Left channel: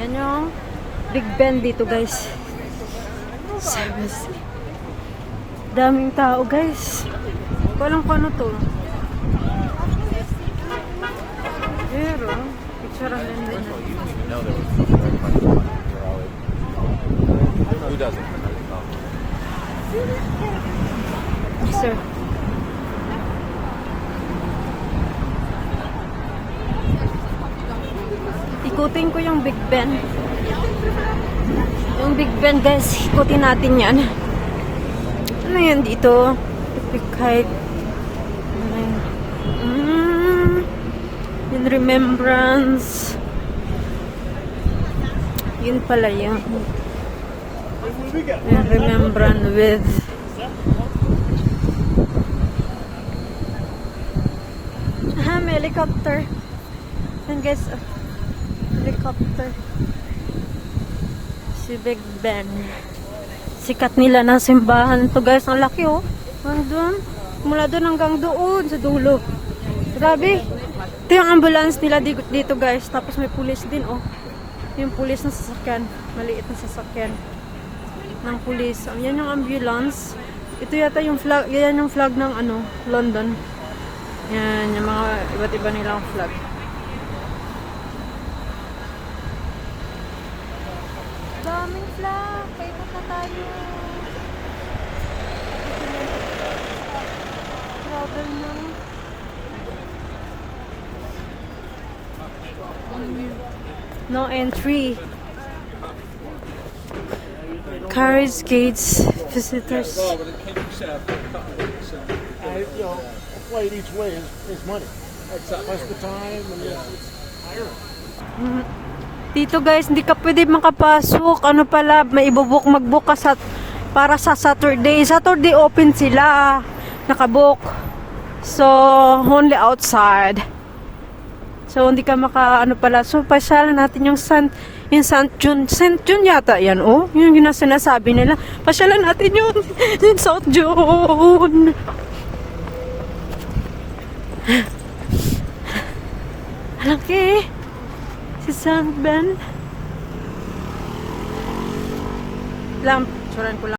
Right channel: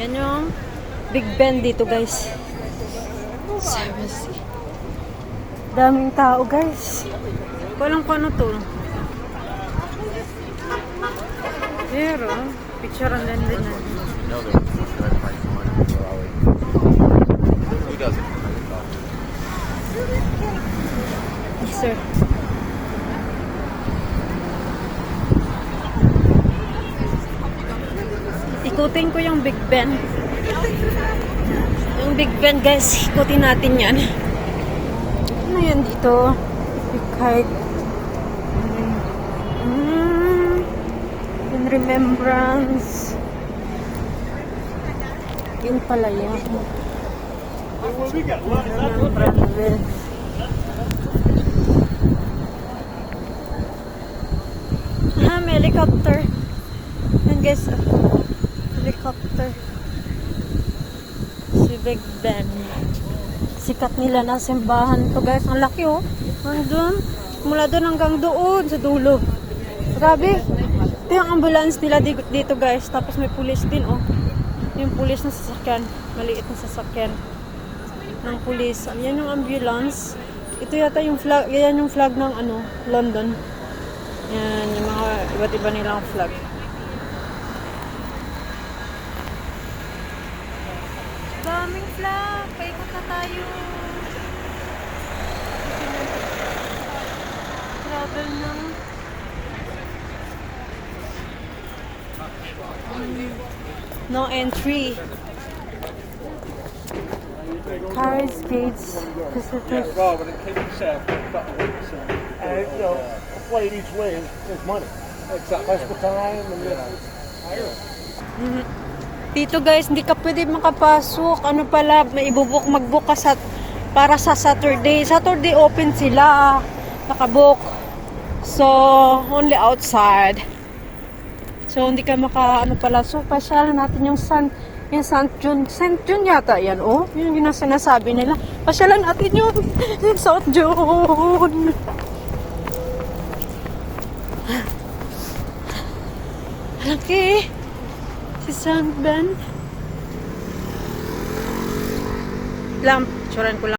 Yan yung Big Ben dito, guys. Daming tao, guys. Walang kung ano to. Pero, picture ang ganda na. Who doesn't? Sir. Ikutin ko yung Big Ben. Yung Big Ben, guys. Ikutin natin yan. Ano yan dito? Big kite. In remembrance. Yun pala yun. In remembrance with may helicopter. Yan guys, helicopter. Si Big Ben. Sikat nila ng simbahan to, guys. Ang laki, oh. Doon. Mula doon hanggang doon sa dulo. Grabe. Ito yung ambulance nila dito, guys. Tapos may pulis din, oh. Yung pulis na sasakyan. Maliit na sasakyan ng pulis. Yan yung ambulance. Ito yata yung flag. Yan yung flag ng ano, London. Yan, yung mga iba't iba nilang flag. Daming flag. Paikot na tayo. Travel ng no entry. Carriage gates, visitors. Flight each way is money. That's the time and Dito, guys, hindi ka pwede makapasok. Ano pala, may mag-book ka para sa Saturday. Saturday open sila. Nakabook. So, only outside. So, hindi ka ano pala. So, pasyalan natin yung St. John. St. John yata yan, oh. Yung sinasabi nila. Pasyalan natin yung St. John. Laki. Si St. Ben. Lamp. Tsuran ko lang.